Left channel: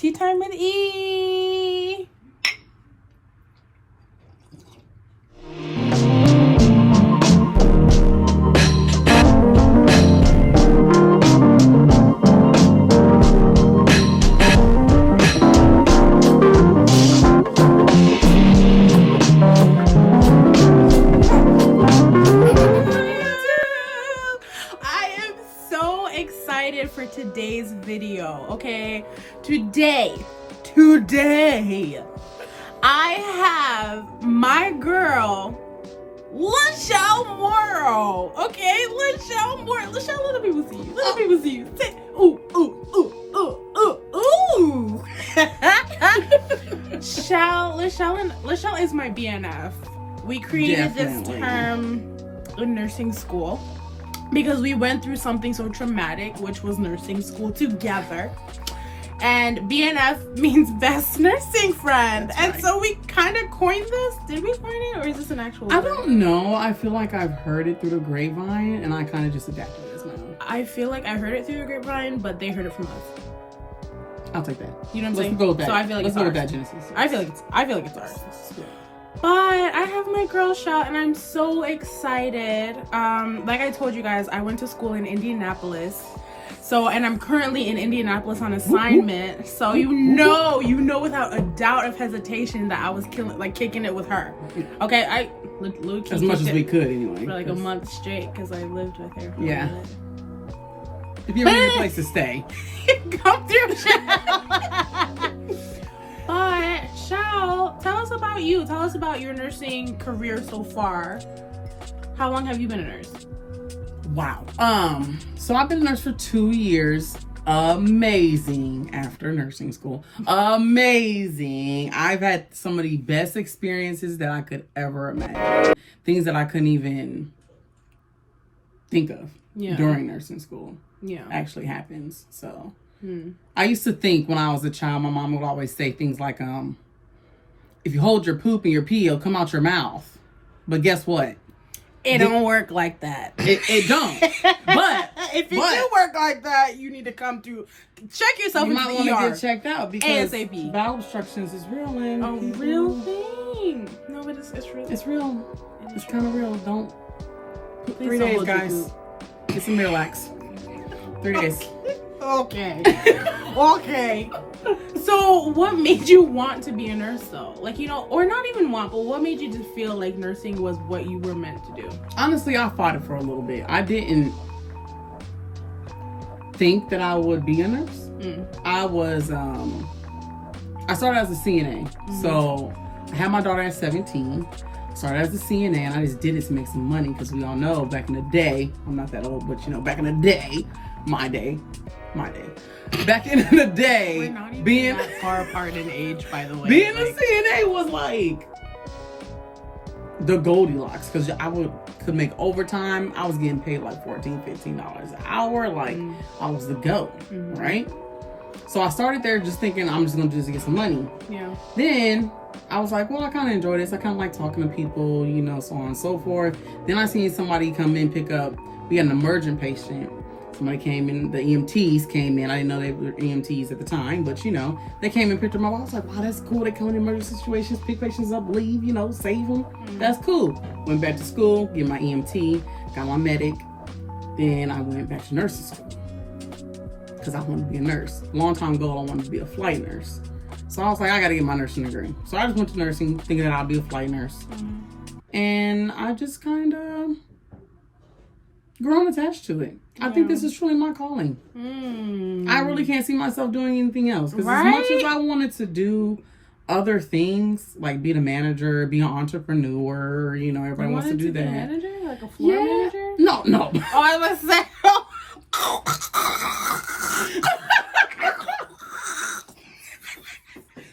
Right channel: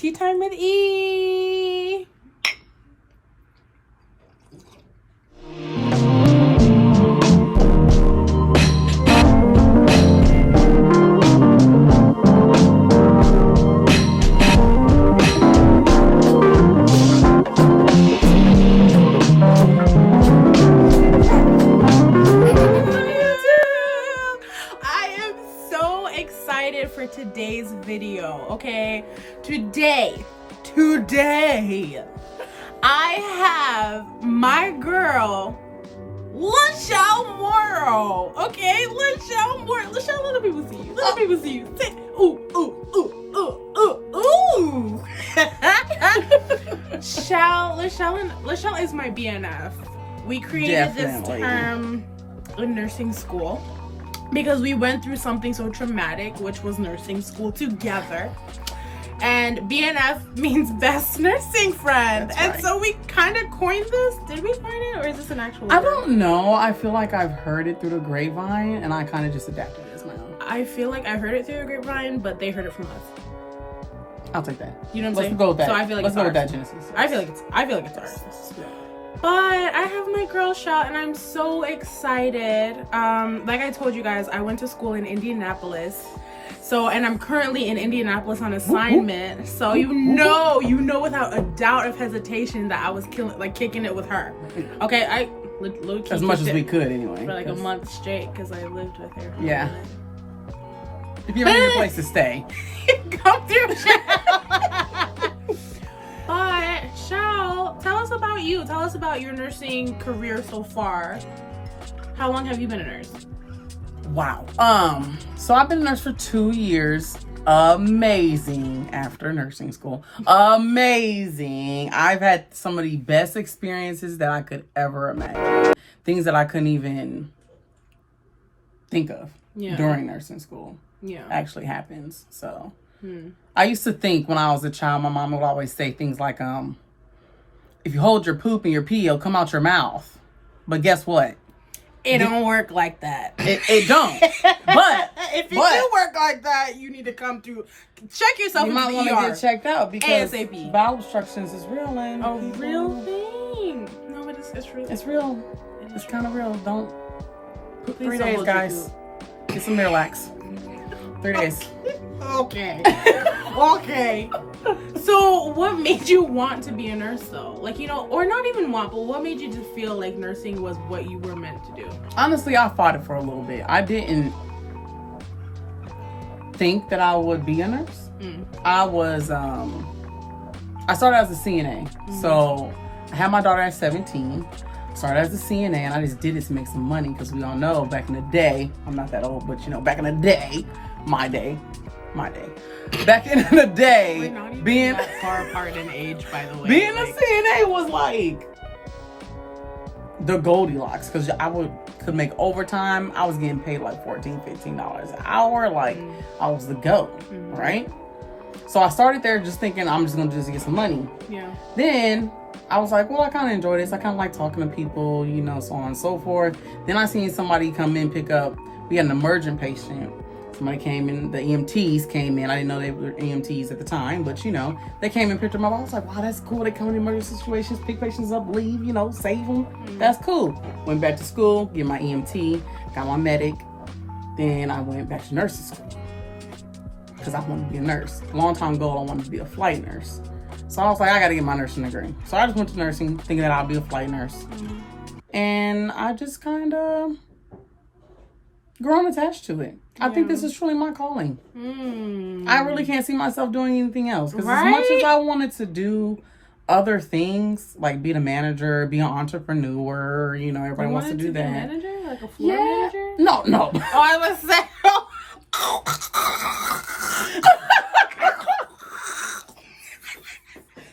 Tea time with E. For today's video, okay? Today, I have my girl, Lachelle Morrow, okay? Lachelle Morrow. Lachelle, let the people see you. Let the people see you. Say, ooh, ooh, ooh, ooh, ooh, ooh. Lachelle is my BNF. We created this term in nursing school because we went through something so traumatic, which was nursing school together. And BNF means best nursing friend. And so we kind of coined this. Did we coin it, or is this an actual word? I don't know. I feel like I've heard it through the grapevine, and I kind of just adapted it as my own. I feel like I heard it through the grapevine, but they heard it from us. I'll take that. You know what I'm saying? Let's go with that. So I feel like Let's it's go ours. with that, Genesis. I feel like it's ours. But I have my girl shot, and I'm so excited. Like I told you guys, I went to school in Indianapolis. So, and I'm currently in Indianapolis on assignment. So you know without a doubt of hesitation that I was kicking it with her. Okay, I low-key as much as we could anyway. For like a month straight, because I lived with her. Yeah. If you need a place to stay, come through, Shell. But Shell, tell us about you. Tell us about your nursing career so far. How long have you been a nurse? Wow. So I've been a nurse for 2 years. Amazing after nursing school. Amazing. I've had some of the best experiences that I could ever imagine. Things that I couldn't even think of during nursing school. Yeah. Actually happens. So I used to think when I was a child, my mom would always say things like, if you hold your poop and your pee, it'll come out your mouth. But guess what? It don't work like that. It don't. But if it do work like that, you need to come through. Check yourself into the ER. Get checked out because ASAP. bowel obstructions is real. And a real thing. No, but it's real. It's real. It's kind of real. Don't. Please 3 days, guys. Get some Miralax. 3 days. Okay. Okay. So what made you want to be a nurse though? Like, or not even want, but what made you just feel like nursing was what you were meant to do? Honestly, I fought it for a little bit. I didn't think that I would be a nurse. I was, I started as a CNA. So I had my daughter at 17. Started as a CNA, and I just did it to make some money because we all know back in the day, I'm not that old, but back in the day, my day. Back in the day, we're not even being that far apart in age, by the way. Being a CNA was like the Goldilocks because I could make overtime. I was getting paid like $14, $15 an hour. Like I was the GOAT, right? So I started there just thinking I'm just gonna get some money. Yeah. Then I was like, well, I kind of enjoy this. I kind of like talking to people, so on and so forth. Then I seen somebody come in, pick up. We had an emergent patient. Somebody came in, the EMTs came in. I didn't know they were EMTs at the time, but they came and picked them up. I was like, wow, that's cool. They come in emergency situations, pick patients up, leave, save them. That's cool. Went back to school, get my EMT, got my medic. Then I went back to nursing school because I wanted to be a nurse. Long time ago, I wanted to be a flight nurse. So I was like, I got to get my nursing degree. So I just went to nursing, thinking that I'll be a flight nurse. And I just kind of grown attached to it. I think this is truly my calling. I really can't see myself doing anything else. Because as much as I wanted to do other things, like be the manager, be an entrepreneur, everybody wants to do that. You wanted to be a manager? Like a floor manager? No. Oh, I was saying.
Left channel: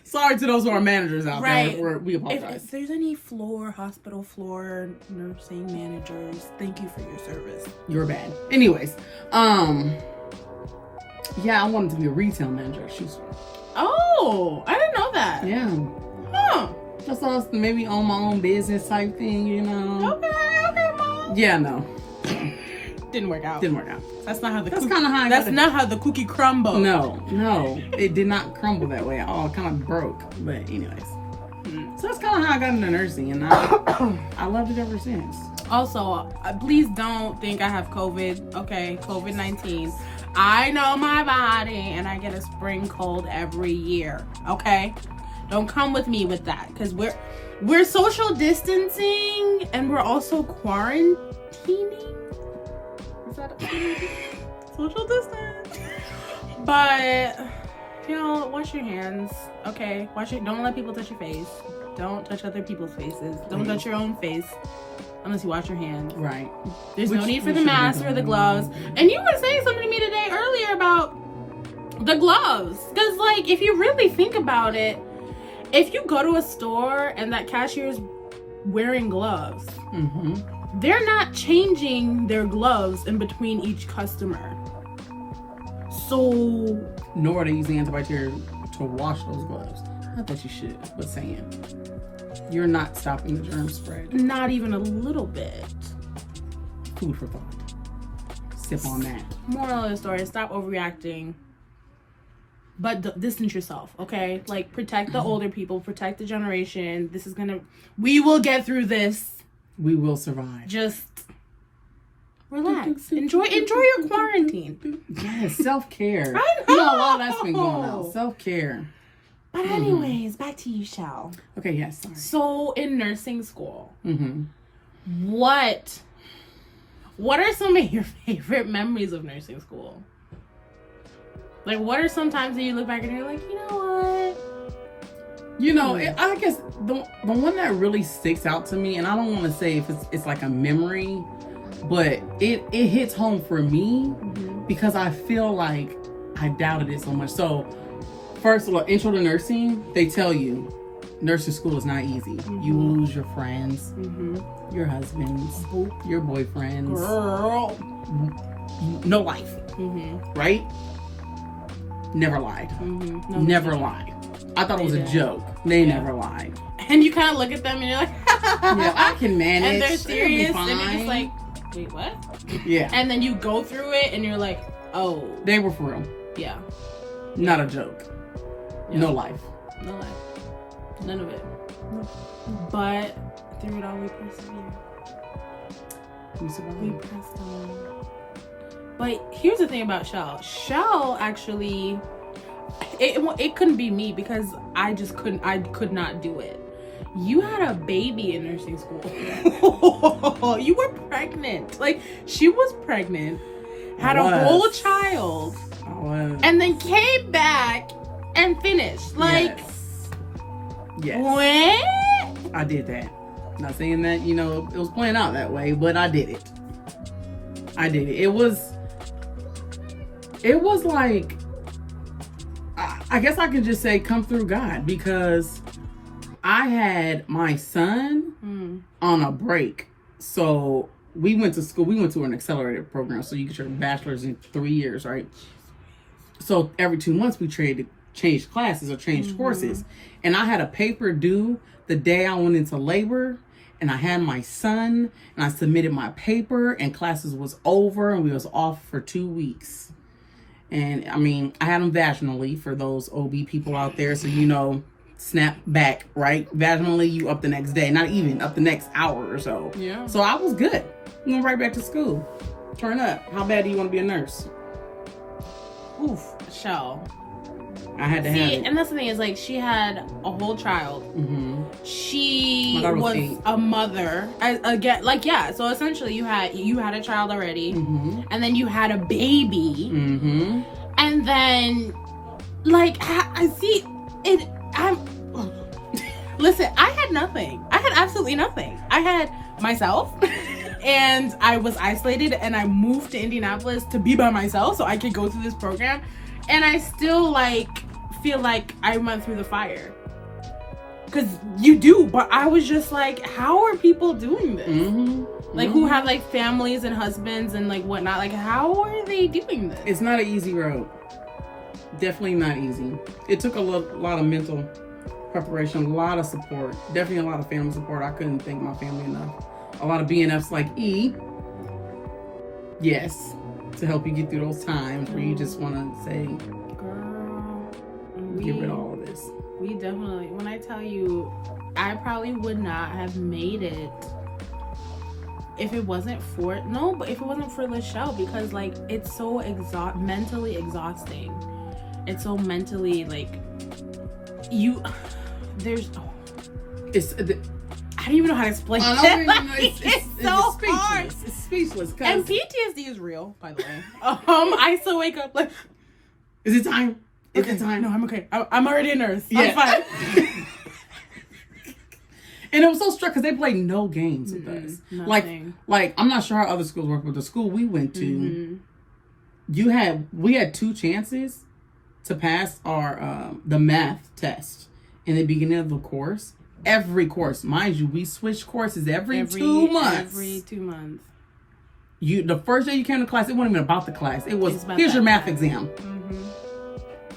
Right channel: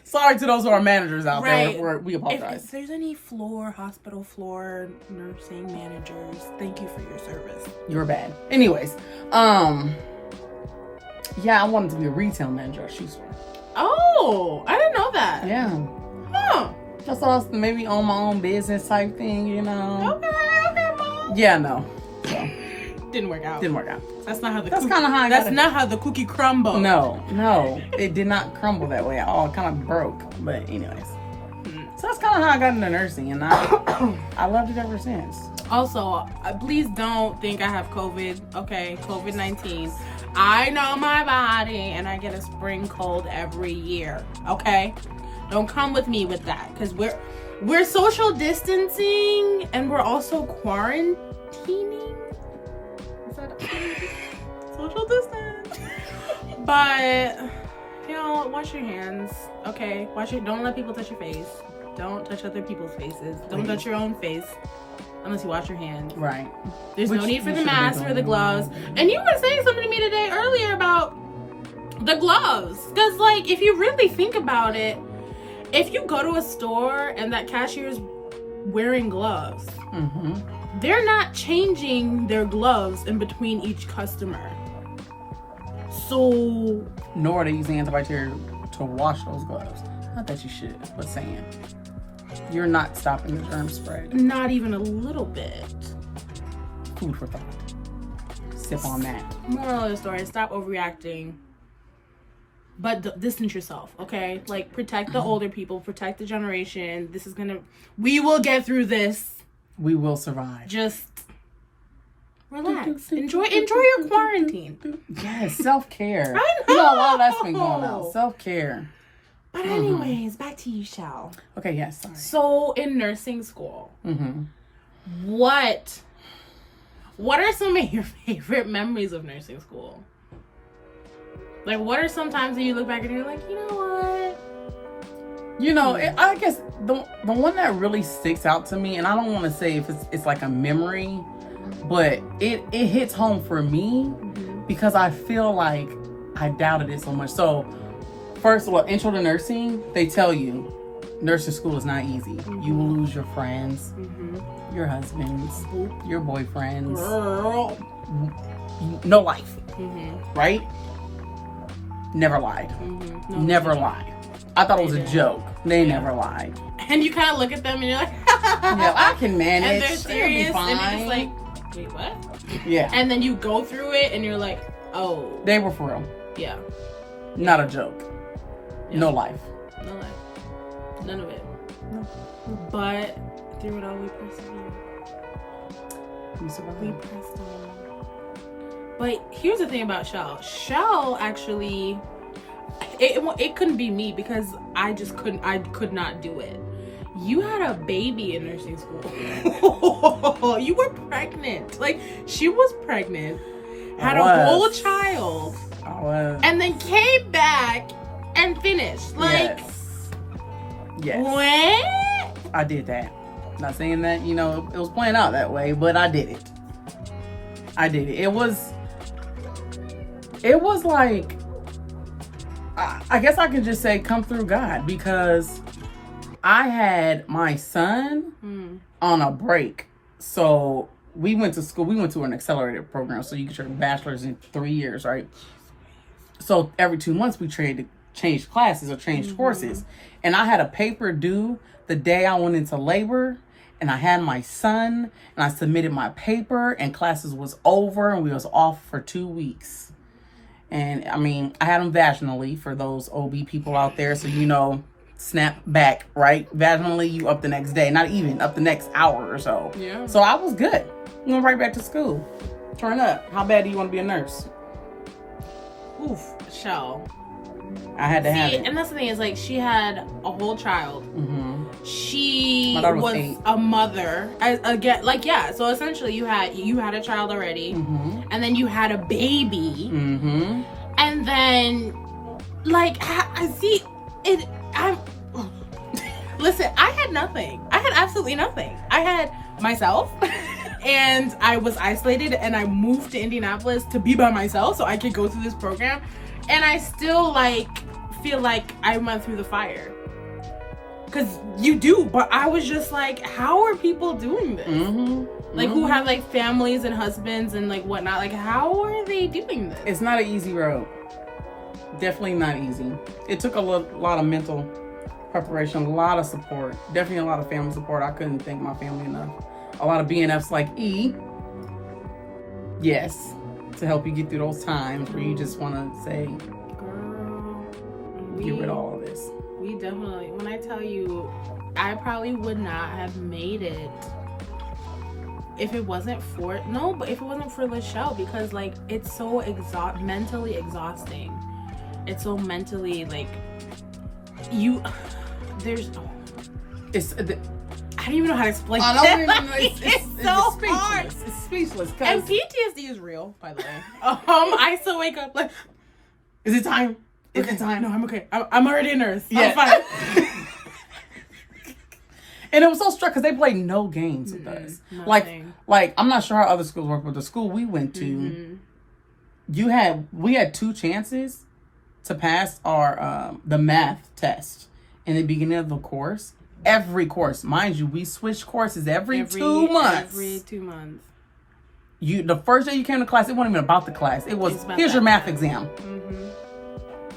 Sorry to those who are managers out there. We apologize. If there's any hospital floor nursing managers, thank you for your service. You're bad. Anyways, I wanted to be a retail manager. Oh, I didn't know that. Yeah. Huh. Just thought maybe own my own business type thing, Okay, Mom. Yeah, no. So, Didn't work out. Didn't work out. That's not how the That's cookie. kind of how. That's not how the cookie crumbled. No, it did not crumble that way at all. It kind of broke. But anyways, so that's kind of how I got into nursing, and I loved it ever since. Also, please don't think I have COVID. Okay, COVID-19. I know my body, and I get a spring cold every year. Okay, don't come with me with that, because we're social distancing, and we're also quarantining. Is that social distance? But wash your hands. Okay, don't let people touch your face. Don't touch other people's faces. Don't touch your own face unless you wash your hands. Right. There's no need for the mask or the gloves. And you were saying something to me today earlier about the gloves. Because, like, if you really think about it, if you go to a store and that cashier's wearing gloves, they're not changing their gloves in between each customer. So... Nor are they using antibacterial to wash those gloves. I thought you should, but saying you're not stopping the germ spread. Not even a little bit. Food for thought. Sip on that. Moral of the story: stop overreacting, but distance yourself. Okay, like protect the older people, protect the generation. We will get through this. We will survive. Just relax. Enjoy your quarantine. Yes, self-care. I know. You know, a lot of that's been going on. Self-care. But anyways, back to you, Shell. Okay, yes. Sorry. So in nursing school, what are some of your favorite memories of nursing school? Like, what are some times that you look back and you're like, you know what? You know, I guess the one that really sticks out to me, and I don't want to say if it's like a memory, but it hits home for me because I feel like I doubted it so much. So, first of all, intro to nursing, they tell you nursing school is not easy. You lose your friends, your husbands, your boyfriends. Girl. No life. Right? Never lied. No, never lied. I thought it was a joke. They never lied. And you kind of look at them and you're like, I can manage. and they're serious and you're just like, wait, what? Yeah. And then you go through it and you're like, oh. They were for real. Yeah. Not a joke. Yeah. No life. No life. None of it. No. But through it all, we persevered. We pressed on. But here's the thing about Shell. Shell actually, it couldn't be me because I could not do it. You had a baby in nursing school. You were pregnant. Like, she was pregnant, had a whole child, and then came back and finished. Like, yes. What? I did that. Not saying that, it was playing out that way, but I did it. It was like, I guess I could just say come through God, because I had my son on a break. So we went to school. We went to an accelerated program. So you get your bachelor's in 3 years, right? So every 2 months we changed classes or changed courses. And I had a paper due the day I went into labor. And I had my son, and I submitted my paper, and classes was over, and we was off for 2 weeks. And I mean, I had them vaginally for those OB people out there. So, snap back, right? Vaginally, you up the next day, not even up the next hour or so. Yeah. So I was good. Went right back to school. Turn up. How bad do you want to be a nurse? Oof, Shell. I had to have it. And that's the thing is, like, she had a whole child. She was 8. a mother. So essentially, you had a child already, and then you had a baby, and then, like, I see it. Listen, I had nothing. I had absolutely nothing. I had myself. And I was isolated, and I moved to Indianapolis to be by myself so I could go through this program. And I still, feel like I went through the fire. Because you do, but I was just like, how are people doing this? Who have, families and husbands and, whatnot. Like, how are they doing this? It's not an easy road. Definitely not easy. It took a lot of mental preparation, a lot of support. Definitely a lot of family support. I couldn't thank my family enough. A lot of BNFs like E. Yes. To help you get through those times where you just want to say, girl, get rid of all of this. We definitely, when I tell you, I probably would not have made it if it wasn't for Lachelle, because like it's so mentally exhausting. It's so mentally like it's I don't even know how to explain it. It's so hard. It's speechless. And PTSD is real, by the way. I still wake up like, is it time? Is it time? No, I'm okay. I'm already a nurse. Yeah. I'm fine. And it was so struck because they played no games with us. Nothing. Like I'm not sure how other schools work, but the school we went to, we had 2 chances to pass our the math test in the beginning of the course. Every course, mind you, we switched courses every 2 months. Every 2 months. The first day you came to class, it wasn't even about the class. It was, here's your math exam.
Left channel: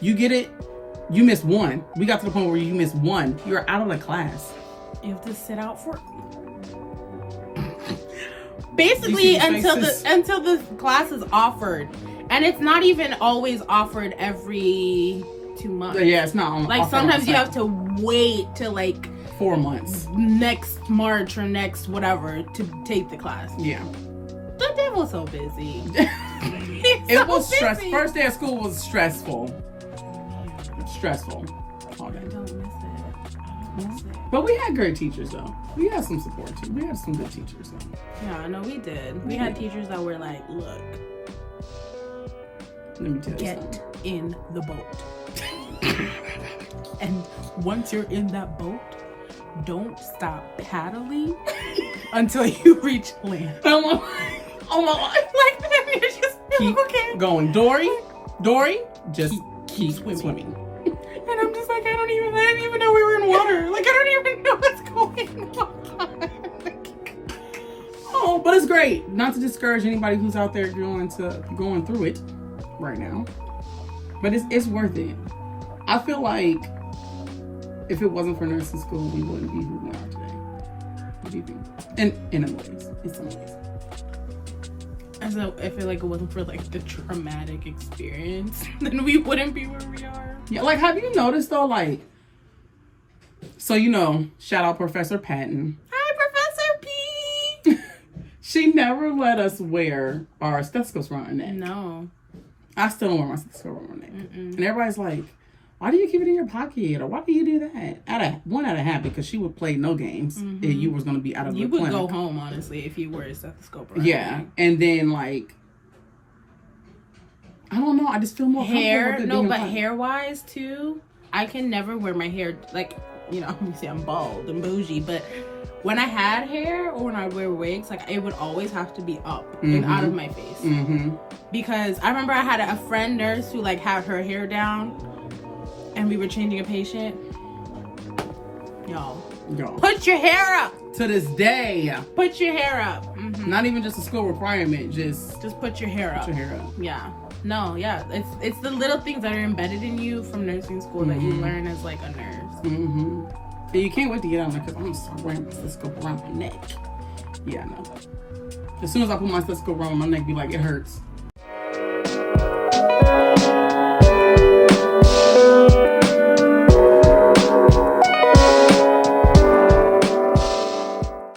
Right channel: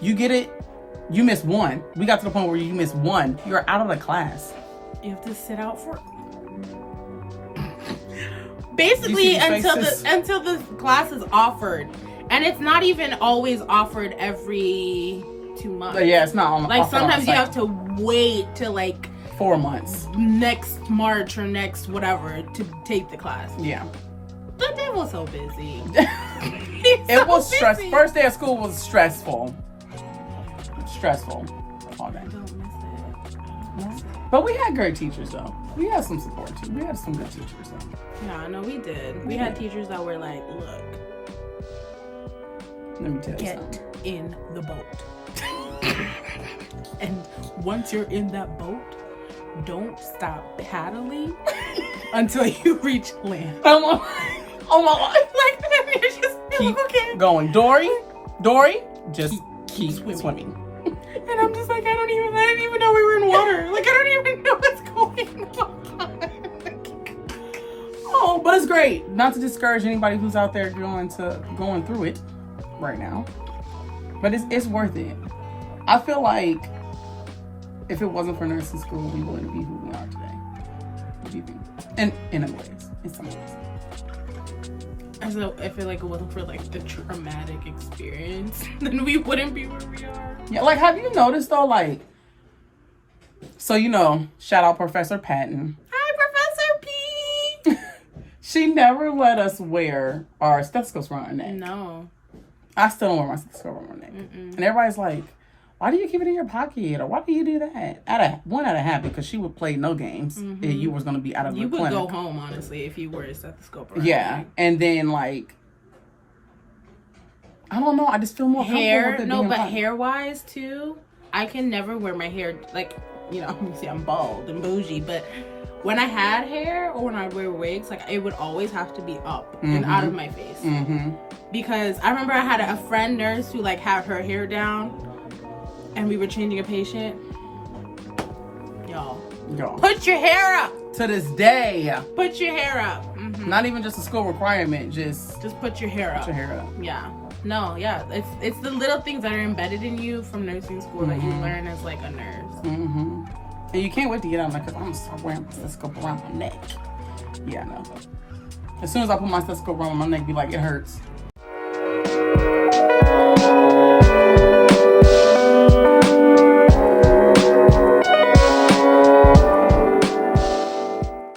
You get it, you missed 1. We got to the point where you missed 1. You're out of the class. You have to sit out for basically until the class is offered, and it's not even always offered every 2 months. Yeah, it's not. Like sometimes you have to wait till like 4 months, next March or next whatever to take the class. Yeah, they were so busy. It was stressful. First day of school was stressful. All day. I don't miss it. But we had great teachers though. We had some support too. We had some good teachers though. Yeah, no, we did. We had teachers that were like, look, let me tell you get something. in the boat. And once you're in that boat, don't stop paddling until you reach land. Oh my life. Like, you're just Keep okay. going. Dory, just keep swimming. And I'm just like, I didn't even know we were in water. Like, I don't even know what's going on. Oh, but it's great. Not to discourage anybody who's out there going through it right now. But it's worth it. I feel like if it wasn't for nursing school, we wouldn't be who we are today. What do you think? In some ways. I feel like it wasn't for like the traumatic experience, then we wouldn't be where we are. Yeah, like, have you noticed though, like, so shout out Professor Patton. Hi, Professor P. She never let us wear our stethoscopes around our neck. No. I still don't wear my stethoscope around my neck. And everybody's like, why do you keep it in your pocket? Or why do you do that? Out of habit, because she would play no games and you was going to be out of the clinic. You would go home, honestly, if you wore a stethoscope around. Yeah. And then, like, I don't know. I just feel more hair. No, but hair-wise, too, I can never wear my hair, like, you see, I'm bald and bougie, but when I had hair or when I wear wigs, like, it would always have to be up and out of my face. Because I remember I had a friend nurse who, like, had her hair down, and we were changing a patient. Y'all. Put your hair up. To this day. Put your hair up. Not even just a school requirement. Just put your hair up. Yeah. No, yeah. It's the little things that are embedded in you from nursing school that you learn as like a nurse. And you can't wait to get out, like, because I'm going to start wearing my stethoscope around my neck. Yeah, I know. As soon as I put my stethoscope around my neck, be like, it hurts.